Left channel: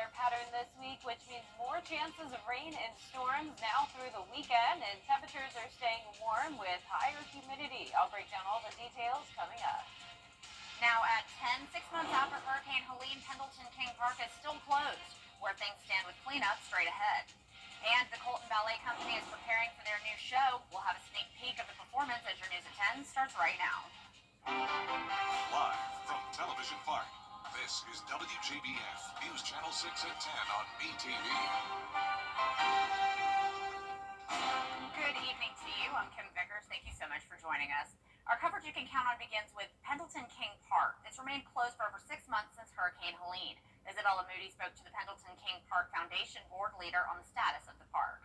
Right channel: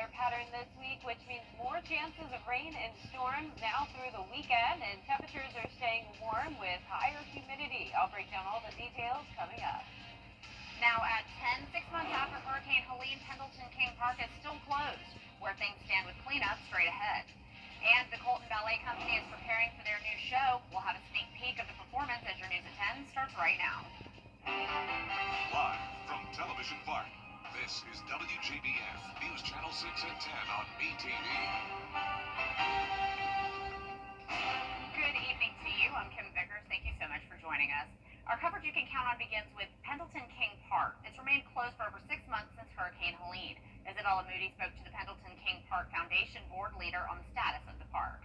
weather pattern this week, which means more chances of rain and storms now through the weekend, and temperatures are staying warm with higher humidity. I'll break down all the details coming up. Now at 10, 6 months after Hurricane Helene, Pendleton King Park is still closed. Where things stand with cleanup straight ahead. And the Colton Ballet Company is preparing for their new show. We'll have a sneak peek of the performance as your news at 10 starts right now. Live from Television Park, this is WJBF News Channel 6 at 10 on BTV. Good evening to you. I'm Kim Vickers. Thank you so much for joining us. Our coverage you can count on begins with Pendleton King Park. It's remained closed for over 6 months since Hurricane Helene. Isabella Moody spoke to the Pendleton King Park Foundation board leader on the status of the park.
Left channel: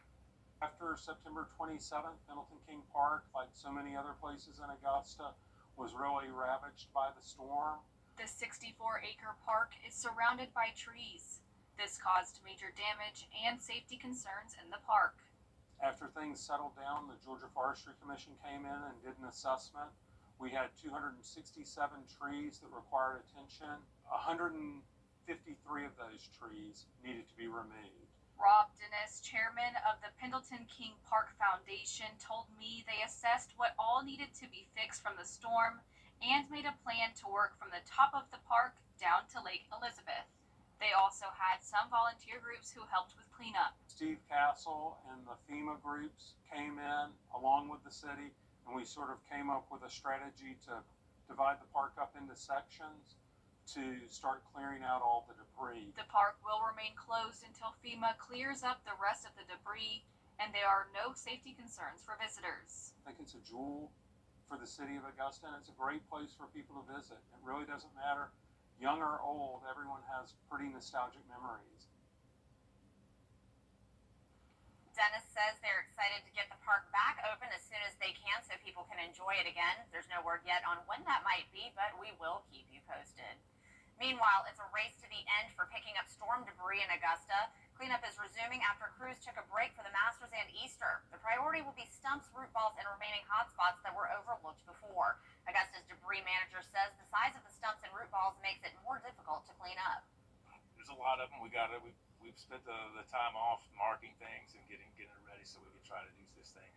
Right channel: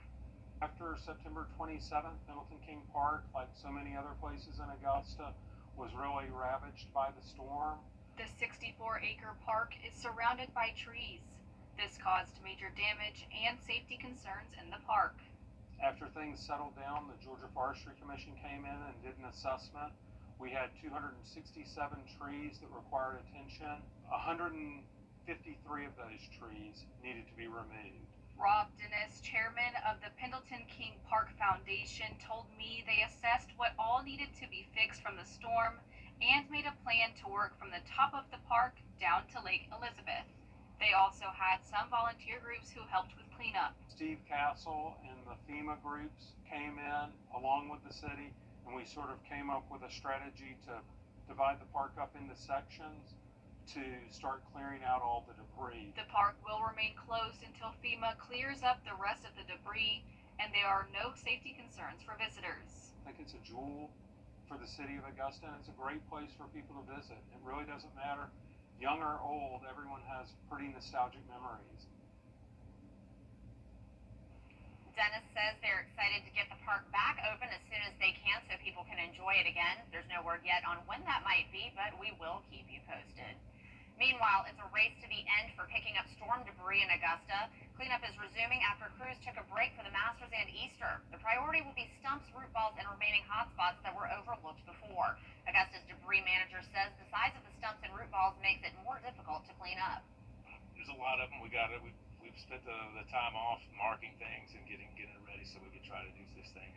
After September 27th, Pendleton King Park, like so many other places in Augusta, was really ravaged by the storm. The 64-acre park is surrounded by trees. This caused major damage and safety concerns in the park. After things settled down, the Georgia Forestry Commission came in and did an assessment. We had 267 trees that required attention. 153 of those trees needed to be removed. Rob Dennis, chairman of the Pendleton King Park Foundation, told me they assessed what all needed to be fixed from the storm and made a plan to work from the top of the park down to Lake Elizabeth. They also had some volunteer groups who helped with cleanup. Steve Castle and the FEMA groups came in along with the city, and we sort of came up with a strategy to divide the park up into sections to start clearing out all the debris. The park will remain closed until FEMA clears up the rest of the debris, and there are no safety concerns for visitors. I think it's a jewel for the city of Augusta, and it's a great place for people to visit. It really doesn't matter, young or old, everyone has pretty nostalgic memories. Dennis says they're excited to get the park back open as soon as they can so people can enjoy it again. There's no word yet on when that might be, but we will keep you posted. Meanwhile, it's a race to the end for picking up storm debris in Augusta. Cleanup is resuming after crews took a break for the Masters and Easter. The priority will be stumps, root balls, and remaining hotspots that were overlooked before. Augusta's debris manager says the size of the stumps and root balls makes it more difficult to clean up. There's a lot of them. We've spent the time off marking things and getting it ready so we can try to do this thing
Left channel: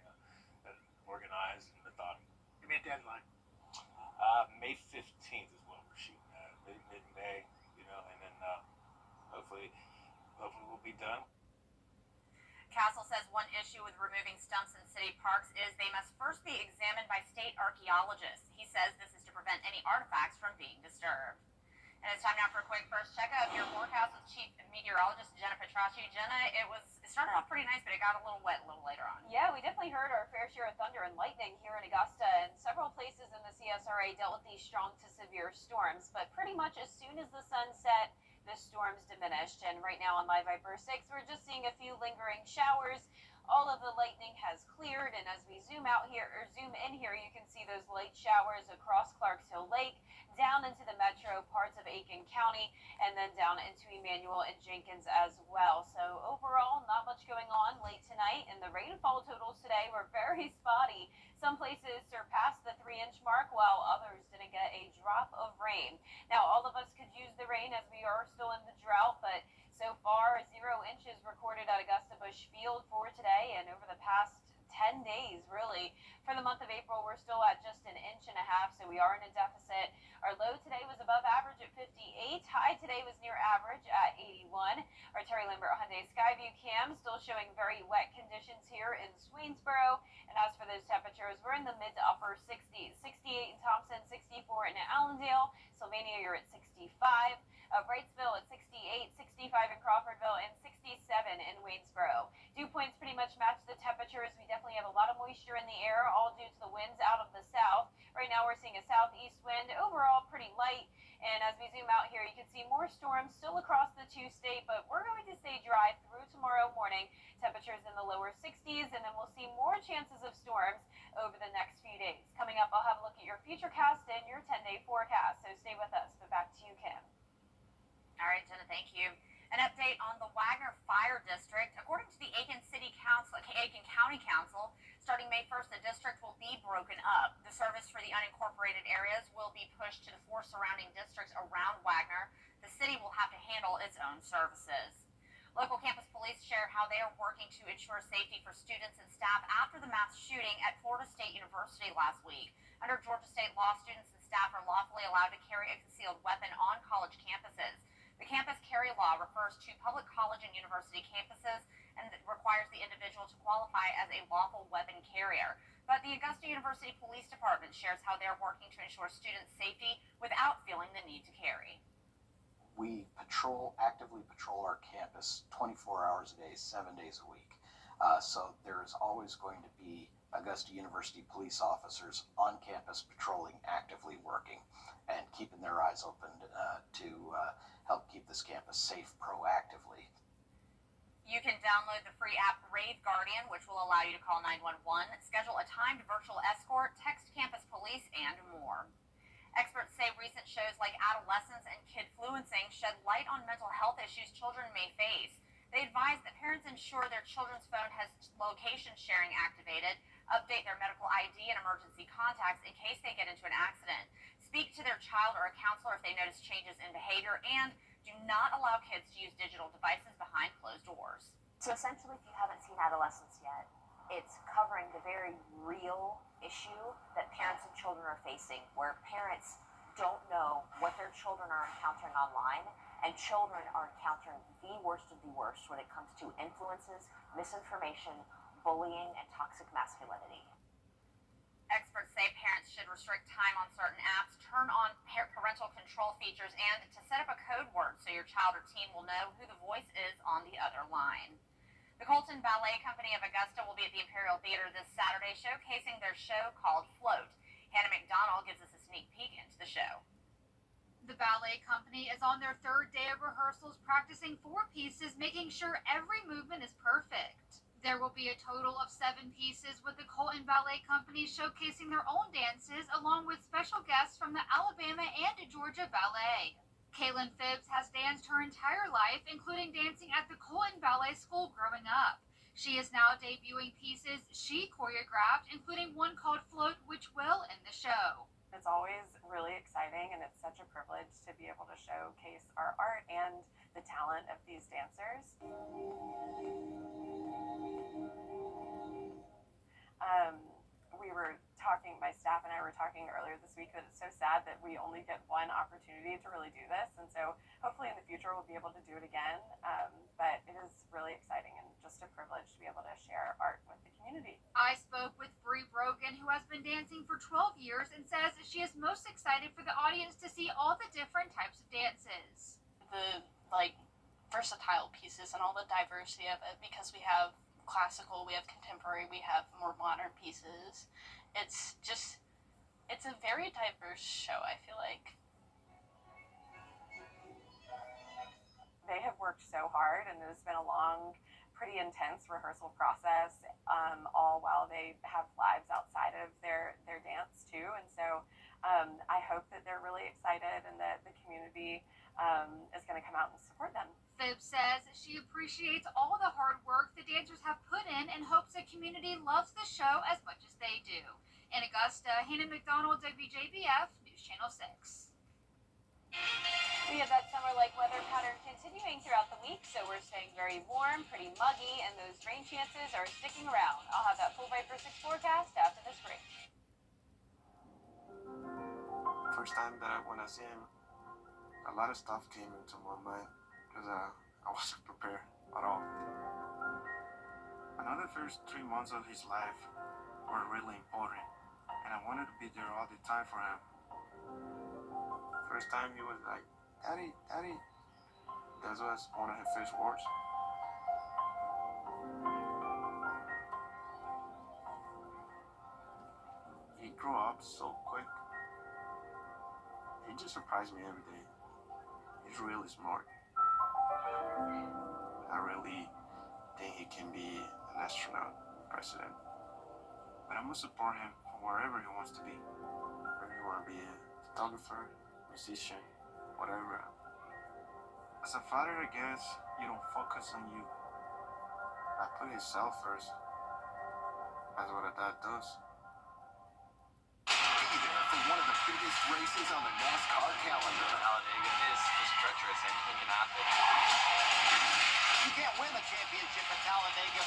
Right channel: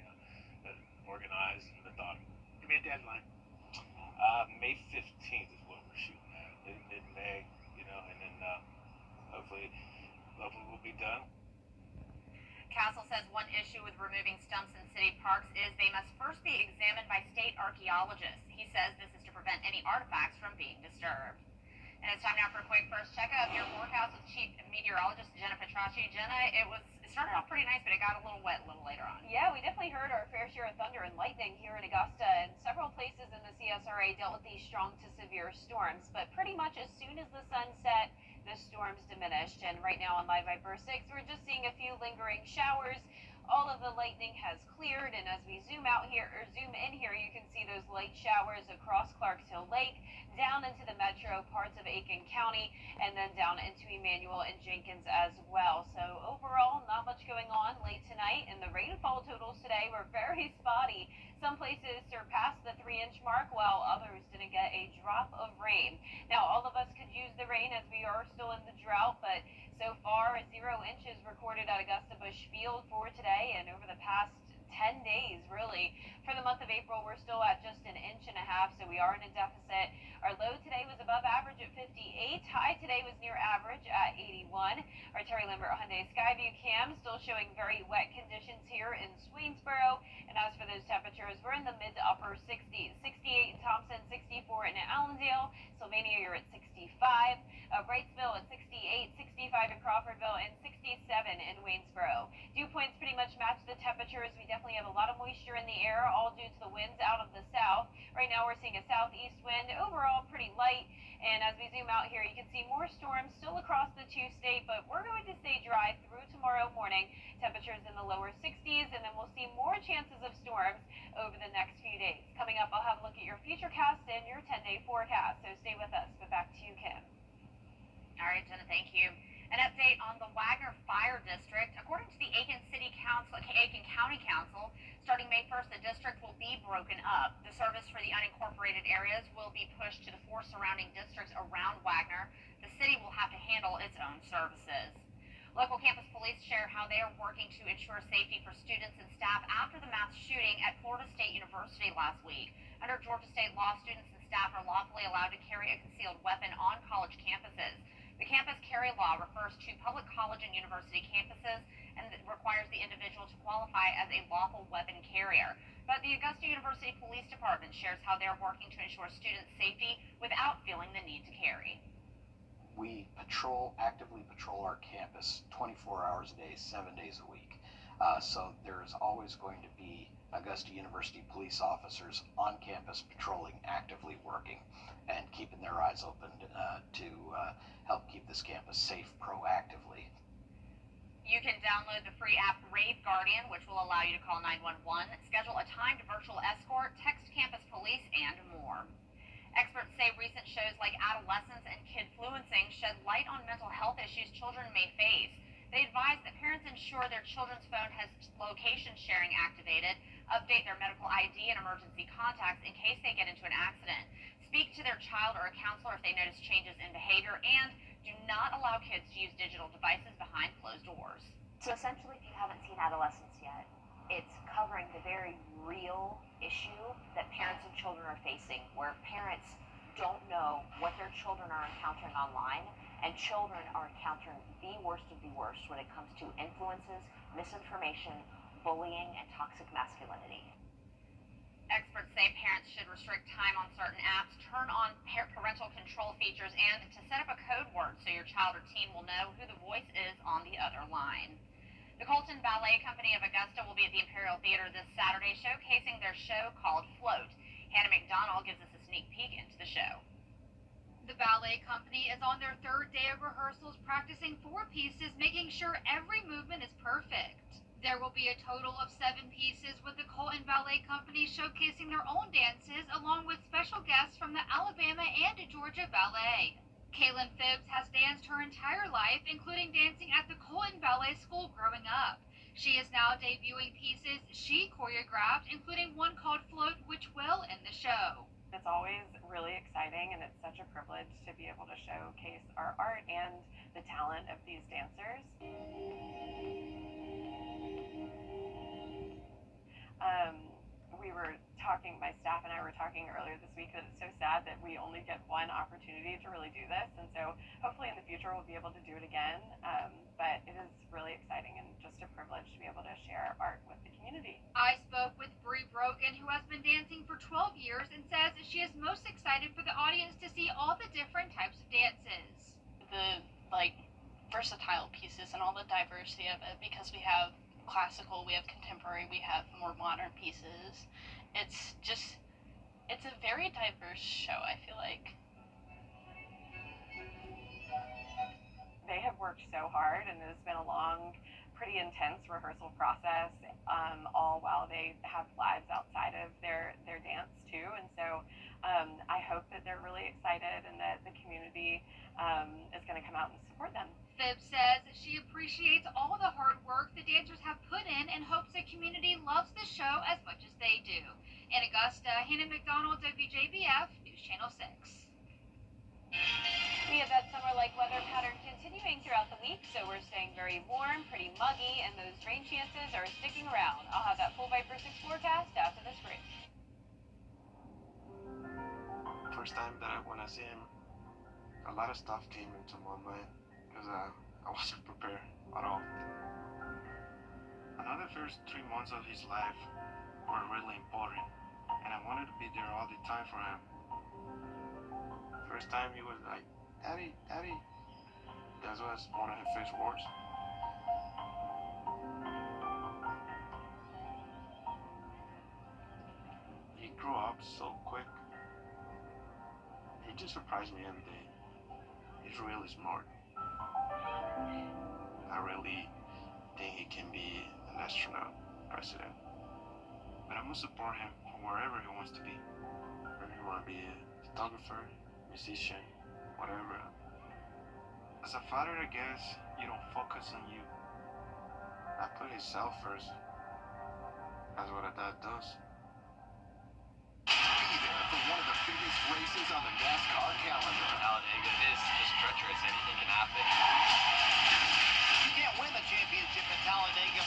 organized and methodical. Give me a deadline. May 15th is what we're shooting at, mid-May, and then hopefully we'll be done. Castle says one issue with removing stumps in city parks is they must first be examined by state archaeologists. He says this is to prevent any artifacts from being disturbed. And it's time now for a quick first checkup. Your forecast with Chief Meteorologist Jenna Petracci. Jenna, it started off pretty nice, but it got a little wet a little later on. Yeah, we definitely heard our fair share of thunder and lightning here in Augusta, and several places in the CSRA dealt with these strong to severe storms. But pretty much as soon as the sun set, the storms diminished. And right now on Live Viper 6, we're just seeing a few lingering showers. All of the lightning has cleared, and as we zoom in here, you can see those light showers across Clarks Hill Lake, down into the metro parts of Aiken County, and then down into Emmanuel and Jenkins as well. So overall, not much going on late tonight, and the rainfall totals today were very spotty. Some places surpassed the 3-inch mark, while others didn't get a drop of rain. Now, all of us could use the rain as we are still in the drought, but so far, 0 inches recorded at Augusta Busch Field for today, and over the past 10 days, really. For the month of April, we're still at just 1.5 inches, so we are in a deficit. Our low today was above average at 58. High today was near average at 81. Our Terry Lambert Hyundai Skyview cam still showing very wet conditions here in Swainsboro. And as for those temperatures, we're in the mid to upper 60s. 68 in Thompson, 64 in Allendale. Sylvania, you're at 65. Wrightsville at 68, 65 in Crawfordville, and 67 in Waynesboro. Dew points pretty much match the temperatures. We definitely have a lot of moisture in the air, all due to the winds out of the south. Right now we're seeing a southeast wind, overall pretty light. And as we zoom out here, you can see more storms still across the two-state, but we're going to stay dry through tomorrow morning. Temperatures in the lower 60s, and then we'll see more chances of storms over the next few days. Coming up, I'll have a look at your futurecast and your 10-day forecast, so stay with us. But back to you, Kim. All right, Jenna, thank you. An update on the Wagner Fire District. According to the Aiken County Council, starting May 1st, the district will be broken up. The service for the unincorporated areas will be pushed to the 4 surrounding districts around Wagner. The city will have to handle its own services. Local campus police share how they are working to ensure safety for students and staff after the mass shooting at Florida State University last week. Under Georgia State law, students and staff are lawfully allowed to carry a concealed weapon on college campuses. The campus carry law refers to public college and university campuses and requires the individual to qualify as a lawful weapon carrier. But the Augusta University Police Department shares how they're working to ensure students' safety without feeling the need to carry. We actively patrol our campus 24 hours a day, 7 days a week. So there's always going to be Augusta University police officers on campus patrolling, actively working, and keeping their eyes open to help keep this campus safe proactively. You can download the free app Rave Guardian, which will allow you to call 911, schedule a timed virtual escort, text campus police, and more. Experts say recent shows like Adolescence and Kidfluencing shed light on mental health issues children may face. They advise that parents ensure their children's phone has location sharing activated, update their medical ID and emergency contacts in case they get into an accident, speak to their child or a counselor if they notice changes in behavior, and do not allow kids to use digital devices behind closed doors. So essentially, if you haven't seen Adolescence yet, it's covering the very real issue that parents and children are facing, where parents don't know what their children are encountering online, and children are encountering the worst of the worst when it comes to influences, misinformation, bullying, and toxic masculinity. Experts say parents should restrict time on certain apps, turn on parental control features, and to set up a code word so your child or teen will know who the voice is on the other line. The Colton Ballet Company of Augusta will be at the Imperial Theater this Saturday showcasing their show called Float. Hannah McDonald gives us a sneak peek into the show. The ballet company is on their 3rd day of rehearsals, practicing 4 pieces, making sure every movement is perfect. There will be a total of 7 pieces, with the Colton Ballet Company showcasing their own dances along with special guests from the Alabama and Georgia Ballet. Kaylin Phibbs has danced her entire life, including dancing at the Colton Ballet School growing up. She is now debuting pieces she choreographed, including one called Float, which will end the show. It's always really exciting, and it's such a privilege to be able to showcase our art and the talent of these dancers. We were talking, my staff and I were talking earlier this week, that it's so sad that we only get one opportunity to really do this, and so hopefully in the future we'll be able to do it again, but it is really exciting and just a privilege to be able to share art with the community. I spoke with Bree Brogan, who has been dancing for 12 years and says she is most excited for the audience to see all the different types of dances. The versatile pieces and all the diversity of it, because we have classical, we have contemporary, we have more modern pieces. It's a very diverse show, I feel like. They have worked so hard, and it has been a long, pretty intense rehearsal process, all while they have lives outside of their dance too. And so I hope that they're really excited and that the community is going to come out and support them. Phibbs says she appreciates all the hard work the dancers have put in and hopes the community loves the show as much as they do. In Augusta, Hannah McDonald, WJBF, News Channel 6. We have that summer-like weather pattern continuing throughout the week, so we're staying very warm, pretty muggy, and those rain chances are sticking around. I'll have that full Viper 6 forecast after this break. First time that when I see him, a lot of stuff came into my mind because I wasn't prepared at all. I know the first 3 months of his life were really important, and I wanted to be there all the time for him. First time he was like, "Daddy, Daddy." That was one of his first words. He grew up so quick. He just surprised me every day. He's really smart. I really think he can be an astronaut, president. But I'm gonna support him for wherever he wants to be. Whether he wanna be a photographer, musician, whatever. As a father, I guess you don't focus on you. I put himself first. That's what a dad does. races on the NASCAR calendar. Talladega is just treacherous. Anything can happen. You can't win the championship at Talladega,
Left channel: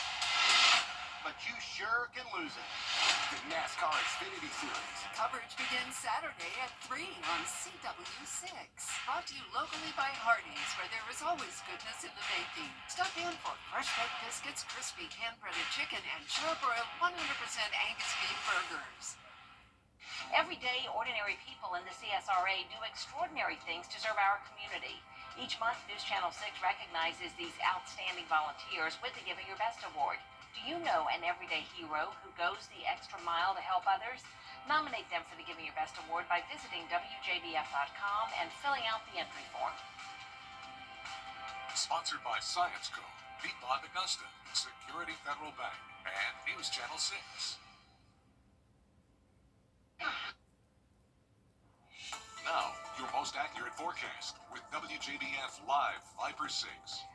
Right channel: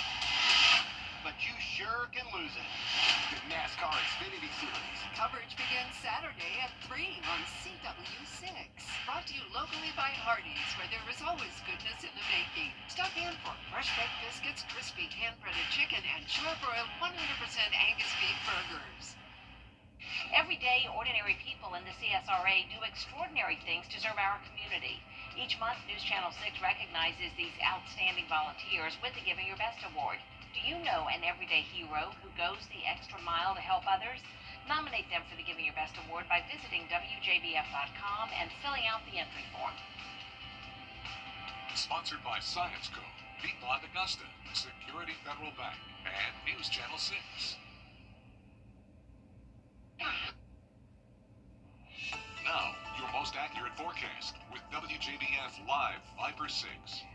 but you sure can lose it. The NASCAR Xfinity Series. Coverage begins Saturday at 3 on CW6. Brought to you locally by Hardee's, where there is always goodness in the making. Stop in for fresh baked biscuits, crispy hand-breaded chicken, and charbroiled 100% Angus beef burgers. Every day, ordinary people in the CSRA do extraordinary things to serve our community. Each month, News Channel 6 recognizes these outstanding volunteers with the Giving Your Best Award. Do you know an everyday hero who goes the extra mile to help others? Nominate them for the Giving Your Best Award by visiting WJBF.com and filling out the entry form. Sponsored by Science Co., Piedmont Augusta, Security Federal Bank, and News Channel 6. Now, your most accurate forecast with WJBF Live Viper 6.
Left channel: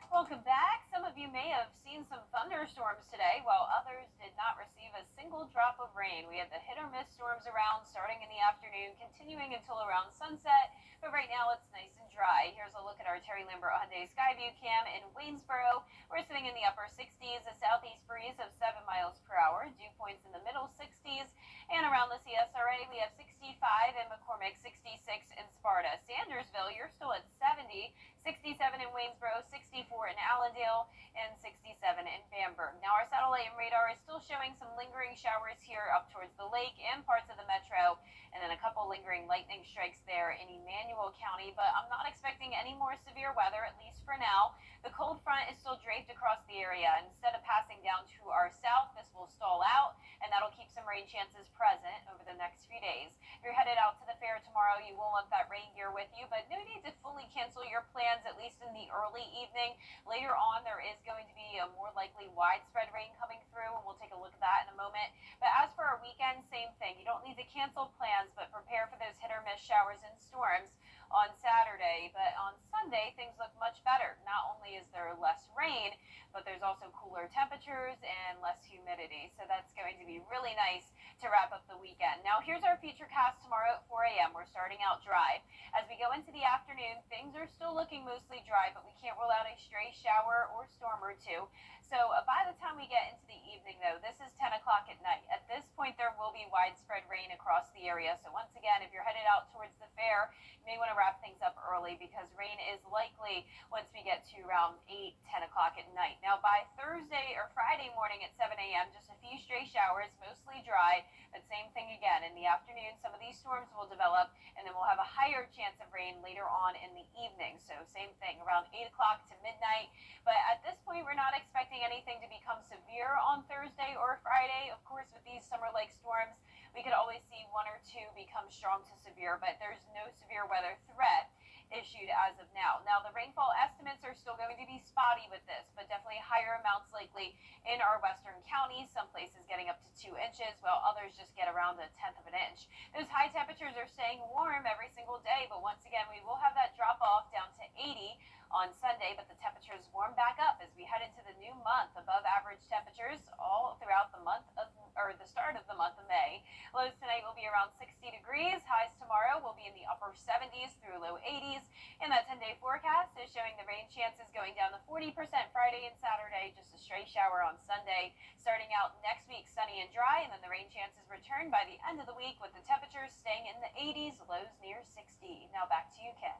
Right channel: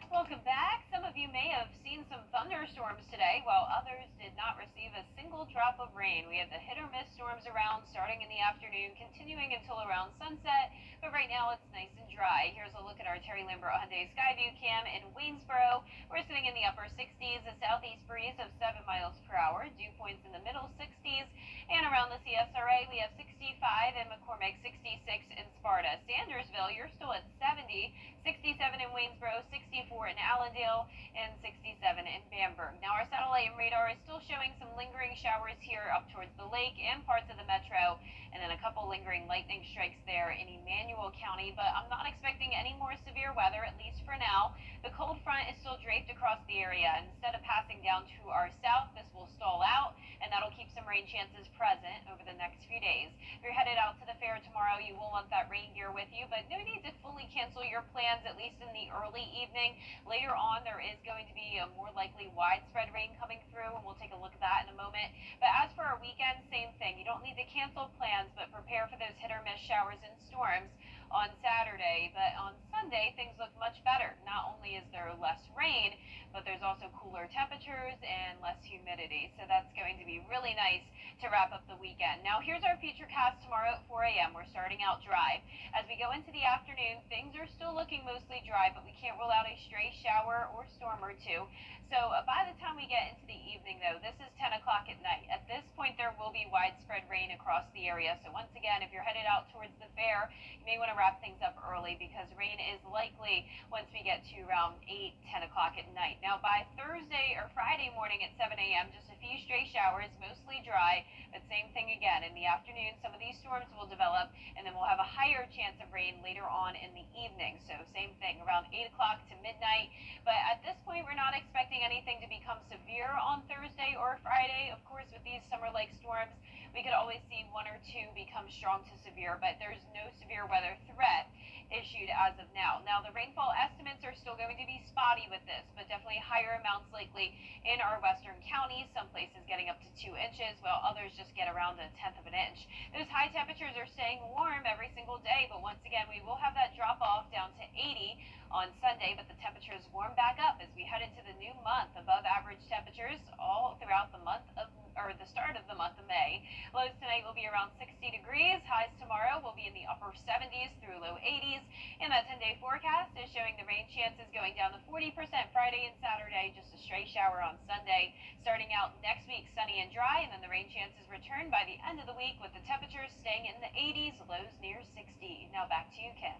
Welcome back. Some of you may have seen some thunderstorms today, while others did not receive a single drop of rain. We had the hit or miss storms around starting in the afternoon, continuing until around sunset, but right now it's nice and dry. Here's a look at our Terry Lambert Hyundai Skyview cam in Waynesboro. We're sitting in the upper 60s, a southeast breeze of 7 miles per hour, dew points in the middle 60s, and around the CSRA we have 65 in McCormick, 66 in Sparta. Sandersville, you're still at 70, 67 in Waynesboro, 64 in Allendale, and 67 in Bamberg. Now our satellite and radar is still showing some lingering showers here up towards the lake and parts of the metro, and then a couple lingering lightning strikes there in Emmanuel County, but I'm not expecting any more severe weather, at least for now. The cold front is still draped across the area. Instead of passing down to our south, this will stall out, and that'll keep some rain chances present over the next few days. If you're headed out to the fair tomorrow, you will want that rain gear with you, but no need to fully cancel your plans, at least in the early evening. Later on, there is going to be a more likely widespread rain coming through, and we'll take a look at that in a moment. But as for our weekend, same thing. You don't need to cancel plans, but prepare for those hit or miss showers and storms on Saturday. But on Sunday, things look much better. Not only is there less rain, but there's also cooler temperatures and less humidity. So that's going to be really nice to wrap up the weekend. Now, here's our futurecast tomorrow at 4 a.m. We're starting out dry. As we go into the afternoon, things are still looking mostly dry, but we can't rule out a stray shower or storm or two. So by the time we get into the evening, though, this is 10 o'clock at night. At this point, there will be widespread rain across the area. So once again, if you're headed out towards the fair, you may want to wrap things up early because rain is likely once we get to around 8, 10 o'clock at night. Now, by Thursday or Friday morning at 7 a.m., just a few stray showers, mostly dry, but same thing again. In the afternoon, some of these storms will develop, and then we'll have a higher chance of rain later on in the evening. So same thing, around 8 o'clock to midnight. But at this point, we're not expecting anything to become severe on Thursday or Friday. Of course, with these summer-like storms, we could always see one or two become strong to severe, but there's no severe weather threat issued as of now. Now, the rainfall estimates are still going to be spotty with this, but definitely higher amounts likely in our western counties, some places getting up to 2 inches, while others just get around 1/10 of an inch. Those high temperatures are staying warm every single day, but once again, we will have that drop off down to 80 on Sunday, but the temperatures warm back up as we head into the new month. Above average temperatures all throughout the month of, or the start of the month of May. Lows tonight will be around 60 degrees. Highs tomorrow will be in the upper 70s through low 80s. And that 10-day forecast is showing the rain chances going down to 40% Friday and Saturday, just a stray shower on Sunday. Starting out next week, sunny and dry, and then the rain chances return by the end of the week with the temperatures staying in the 80s, lows near 60. Now back to you, Ken.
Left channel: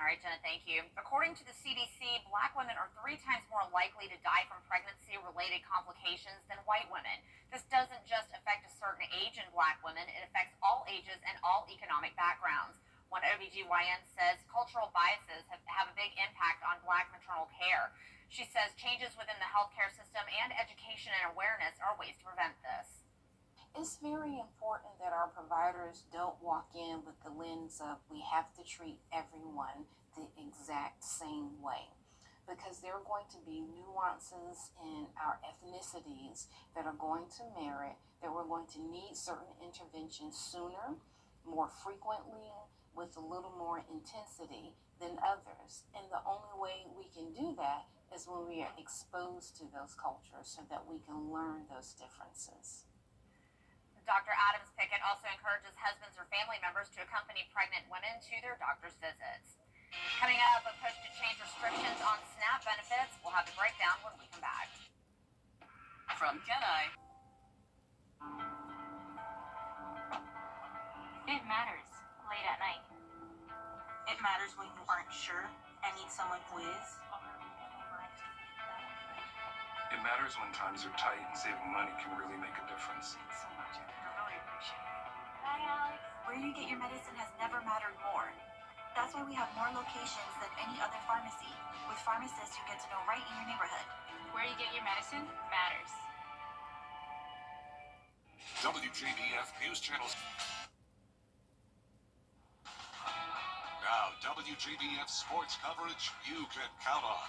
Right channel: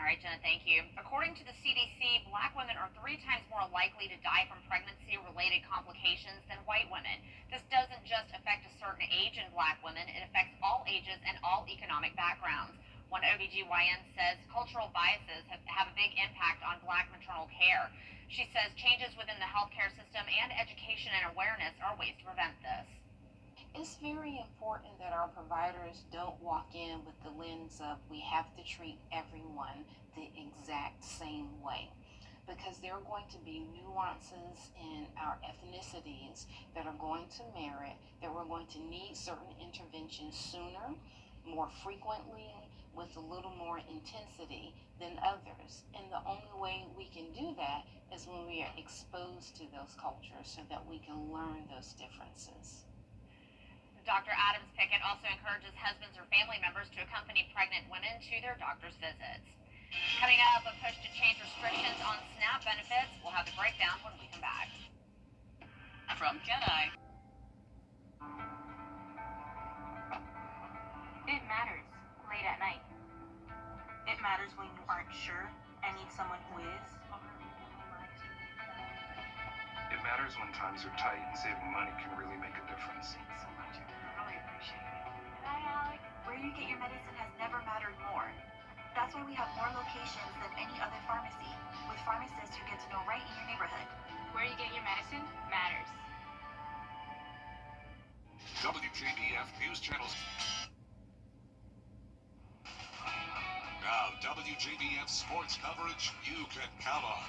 All right, Jenna, thank you. According to the CDC, Black women are 3 times more likely to die from pregnancy-related complications than white women. This doesn't just affect a certain age in Black women, it affects all ages and all economic backgrounds. One OBGYN says cultural biases have a big impact on Black maternal care. She says changes within the healthcare system and education and awareness are ways to prevent this. It's very important that our providers don't walk in with the lens of we have to treat everyone the exact same way, because there are going to be nuances in our ethnicities that are going to merit that we're going to need certain interventions sooner, more frequently, with a little more intensity than others. And the only way we can do that is when we are exposed to those cultures so that we can learn those differences. Dr. Adams Pickett also encourages husbands or family members to accompany pregnant women to their doctor's visits. Coming up, a push to change restrictions on SNAP benefits. We'll have the breakdown when we come back. From Kenai. It matters late at night. It matters when you aren't sure and need someone who is. It matters when times are tight and saving money can really make a difference. Thanks so much. I really appreciate it. Hi, Alex. Where you get your medicine has never mattered more. That's why we have more locations than any other pharmacy, with pharmacists who get to know right in your neighborhood. Where you get your medicine matters. WJBF News Channels. Now, WJBF sports coverage you can count on.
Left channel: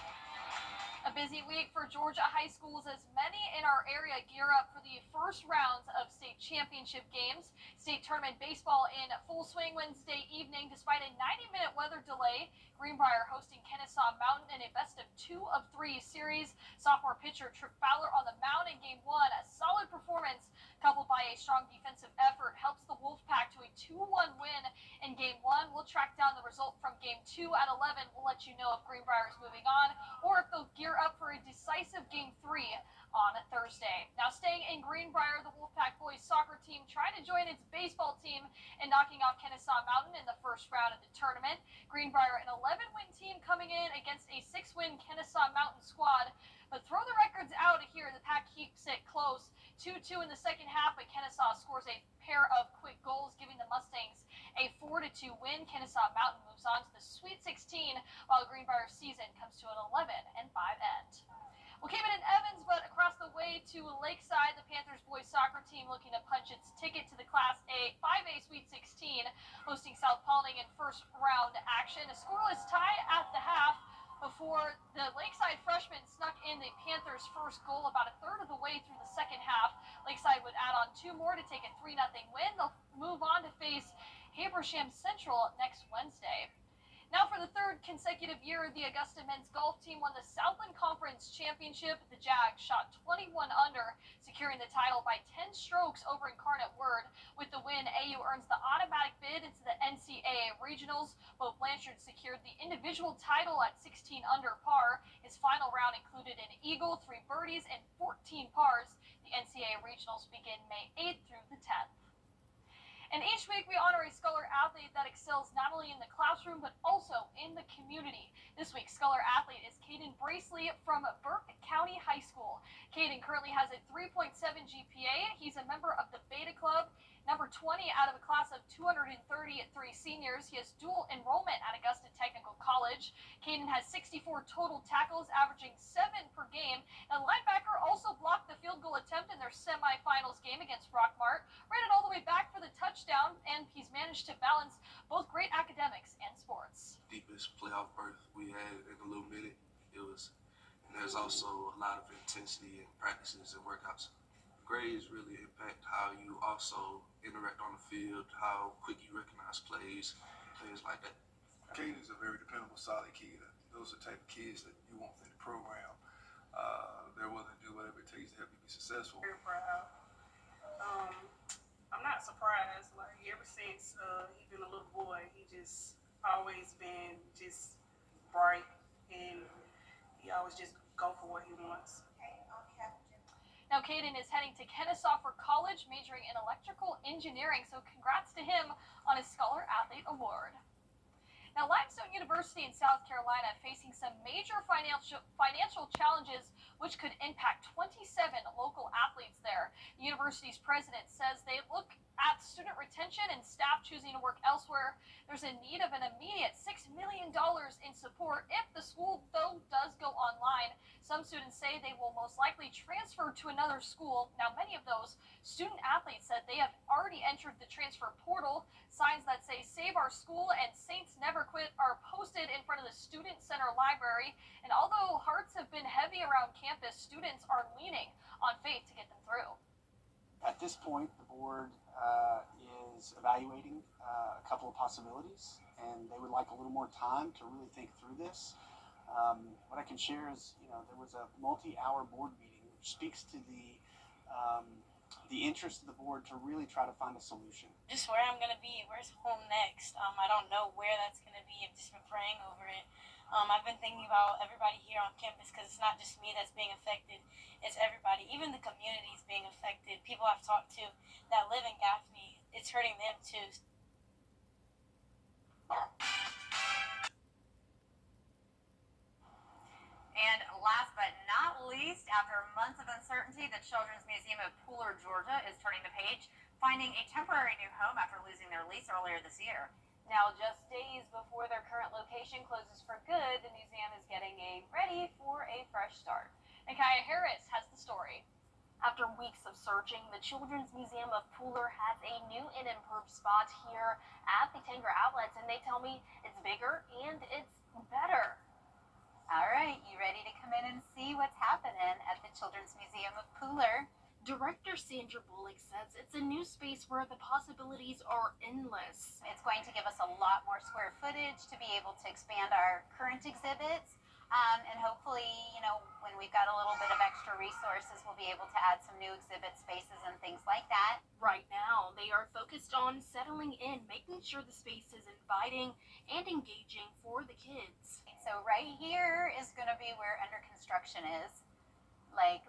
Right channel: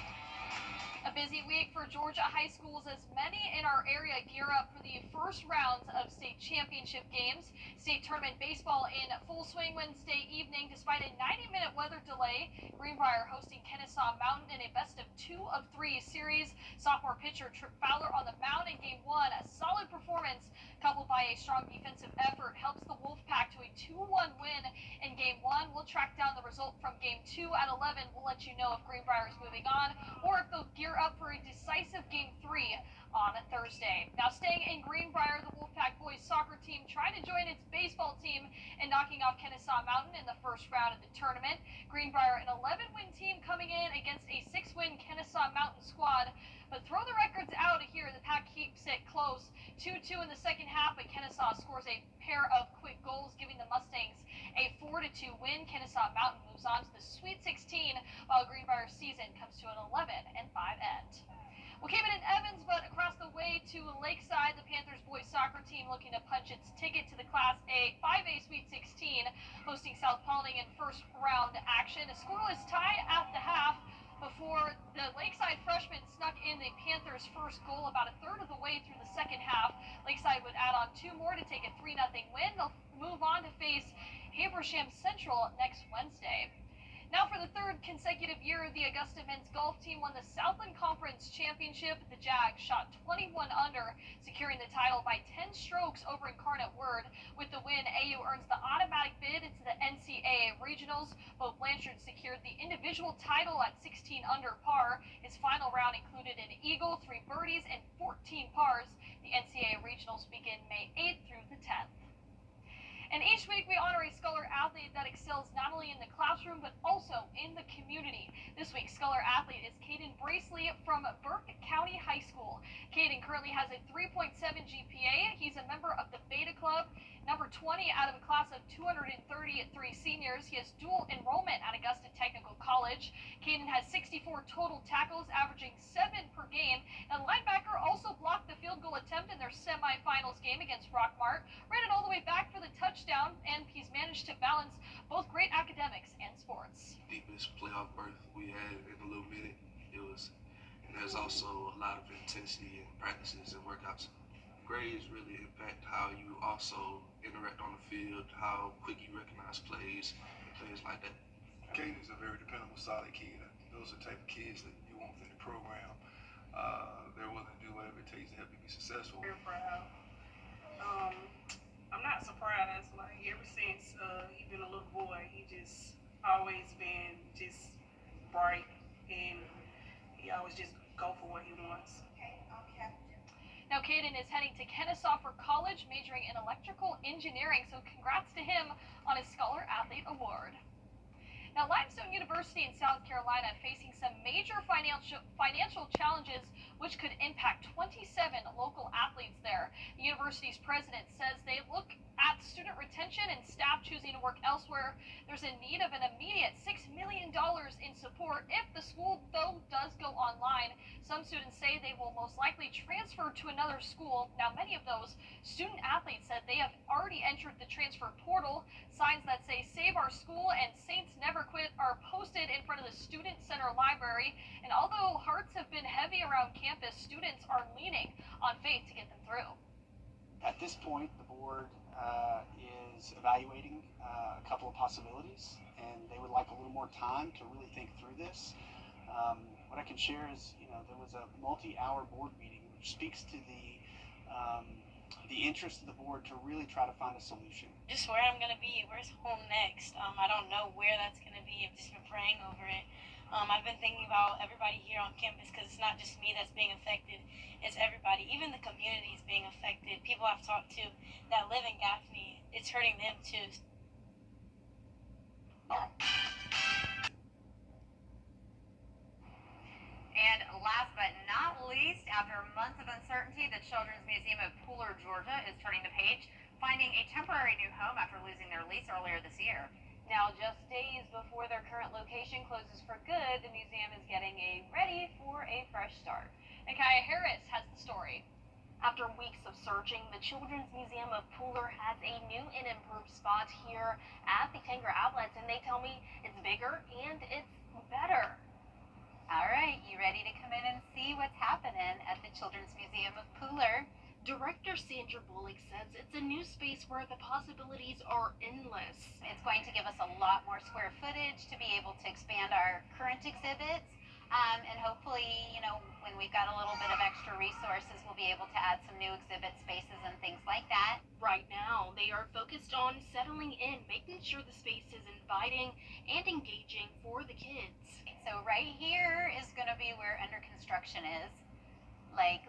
A busy week for Georgia high schools as many in our area gear up for the first rounds of state championship games. State tournament baseball in full swing Wednesday evening despite a 90-minute weather delay. Greenbrier hosting Kennesaw Mountain in a best-of-2 of 3 series. Sophomore pitcher Trip Fowler on the mound in Game 1. A solid performance coupled by a strong defensive effort helps the Wolfpack to a 2-1 win in Game 1. We'll track down the result from Game 2 at 11. We'll let you know if Greenbrier is moving on or if they'll gear up for a decisive Game 3 on Thursday. Now staying in Greenbrier, the Wolfpack boys soccer team trying to join its baseball team in knocking off Kennesaw Mountain in the first round of the tournament. Greenbrier, an 11-win team coming in against a 6-win Kennesaw Mountain squad. But throw the records out here. The Pack keeps it close. 2-2 in the second half, but Kennesaw scores a pair of quick goals, giving the Mustangs a 4-2 win. Kennesaw Mountain moves on to the Sweet 16, while Greenbrier's season comes to an 11-5 end. We'll keep it in Evans, but across the way to Lakeside, the Panthers boys soccer team looking to punch its ticket to the Class A 5A Sweet 16, hosting South Paulding in first round action. A scoreless tie at the half before the Lakeside freshmen snuck in the Panthers' first goal about a third of the way through the second half. Lakeside would add on 2 more to take a 3-0 win. They'll move on to face Habersham Central next Wednesday. Now for the third consecutive year, the Augusta men's golf team won the Southland Conference Championship. The Jags shot 21 under, securing the title by 10 strokes over Incarnate Word. With the win, AU earns the automatic bid into the NCAA Regionals. Bo Blanchard secured the individual title at 16 under par. His final round included an eagle, 3 birdies, and 14 pars. The NCAA Regionals begin May 8th through the 10th. And each week we honor a Scholar athlete that excels not only in the classroom but also in the community. This week's Scholar athlete is Caden Bracely from Burke County High School. Caden currently has a 3.7 GPA. He's a member of the Beta Club, number 20 out of a class of 233 seniors. He has dual enrollment at Augusta Technical College. Caden has 64 total tackles, averaging 7 per game. The linebacker also blocked the field goal attempt in their semifinals game against Rockmart, ran it all the way back for the touchdown, and he's managed to balance both great academics and sports. Deepest playoff berth we had in a little minute. And there's also a lot of intensity in practices and workouts. Grades really impact how you also interact on the field, how quick you recognize plays, and things like that. Caden is a very dependable, solid kid. Those are the type of kids that you want within the program. They're willing to do whatever it takes to help you be successful. Very proud. I'm not surprised. Like ever since he's been a little boy, he just always been just bright, and he always just go for what he wants. Now Caden is heading to Kennesaw for college, majoring in electrical engineering, so congrats to him on his Scholar Athlete Award. Now, Limestone University in South Carolina facing some major financial challenges which could impact 27 local athletes there. The university's president says they look at student retention and staff choosing to work elsewhere. There's a need of an immediate $6 million in support if the school, though, does go online. Some students say they will most likely transfer to another school. Now, many of those student athletes said they have already entered the transfer portal. Signs that say Save Our School and Saints Never Quit are posted in front of the Student Center Library. And although hearts have been heavy around campus, students are leaning on faith to get them through. At this point, the board is evaluating a couple of possibilities, and they would like a little more time to really think through this. What I can share is, there was a multi-hour board meeting which speaks to the the interest of the board to really try to find a solution. Just where I'm going to be, where's home next? I don't know where that's going to be. I've just been praying over it. I've been thinking about everybody here on campus because it's not just me that's being affected. It's everybody. Even the community is being affected. People I've talked to that live in Gaffney, it's hurting them too. And last but not least, after months of uncertainty, the Children's Museum of Pooler, Georgia is turning the page, finding a temporary new home after losing their lease earlier this year. Now, just days before their current location closes for good, the museum is getting ready for a fresh start. Nakaya Harris has the story. After weeks of searching, the Children's Museum of Pooler has a new and improved spot here at the Tanger Outlets, and they tell me it's bigger and it's better. All right, you ready to come in and see what's happening at the Children's Museum of Pooler? Director Sandra Bullock says it's a new space where the possibilities are endless. It's going to give us a lot more square footage to be able to expand our current exhibits. And hopefully, when we've got a little bit of extra resources, we'll be able to add some new exhibit spaces and things like that. Right now, they are focused on settling in, making sure the space is inviting and engaging for the kids. So right here is going to be where under construction is.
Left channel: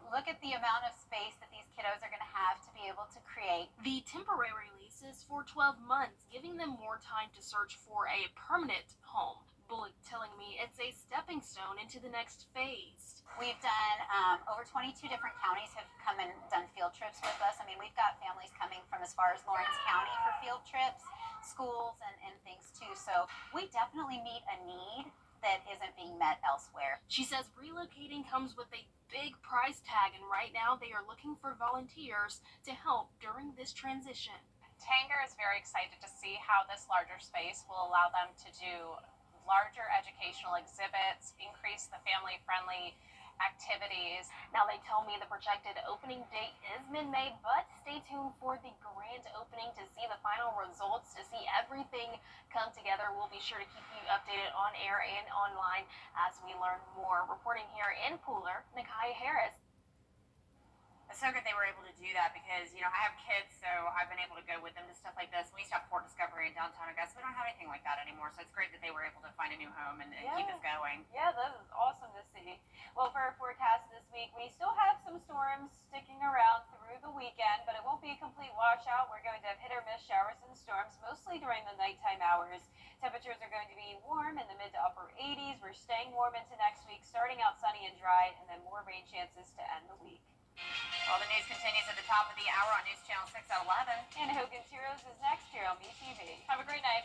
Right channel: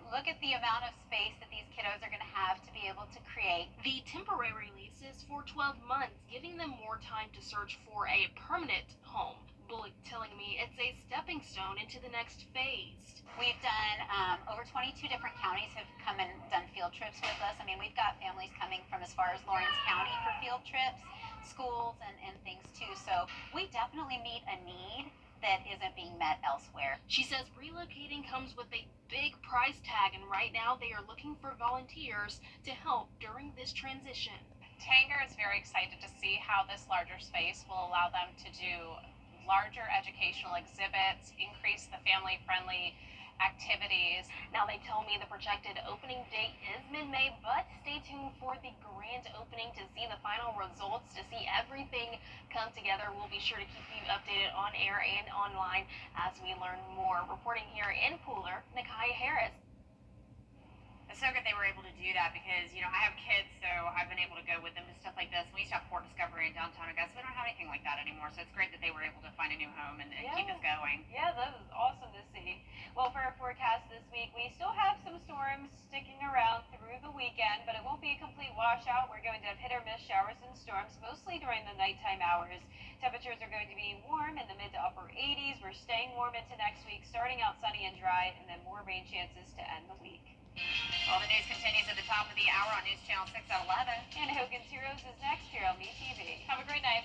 Look at the amount of space that these kiddos are going to have to be able to create. The temporary lease is for 12 months, giving them more time to search for a permanent home. Bullock telling me it's a stepping stone into the next phase. We've done over 22 different counties have come and done field trips with us. I mean, we've got families coming from as far as Lawrence County for field trips, schools and things too. So we definitely meet a need that isn't being met elsewhere. She says relocating comes with a big price tag, and right now they are looking for volunteers to help during this transition. Tanger is very excited to see how this larger space will allow them to do larger educational exhibits, increase the family-friendly activities. Now they tell me the projected opening date is mid-May, but stay tuned for the grand opening to see the final results, to see everything come together. We'll be sure to keep you updated on air and online as we learn more. Reporting here in Pooler, Nakaya Harris. It's so good they were able to do that because, I have kids, so I've been able to go with them to stuff like this. We used to have Port Discovery in downtown Augusta. We don't have anything like that anymore, so it's great that they were able to find a new home and keep us going. Yeah, that was awesome to see. Well, for our forecast this week, we still have some storms sticking around through the weekend, but it won't be a complete washout. We're going to have hit or miss showers and storms, mostly during the nighttime hours. Temperatures are going to be warm in the mid to upper 80s. We're staying warm into next week, starting out sunny and dry, and then more rain chances to end the week. Well, the news continues at the top of the hour on News Channel 6 at 11. And Hogan's Heroes is next here on BTV. Have a great night.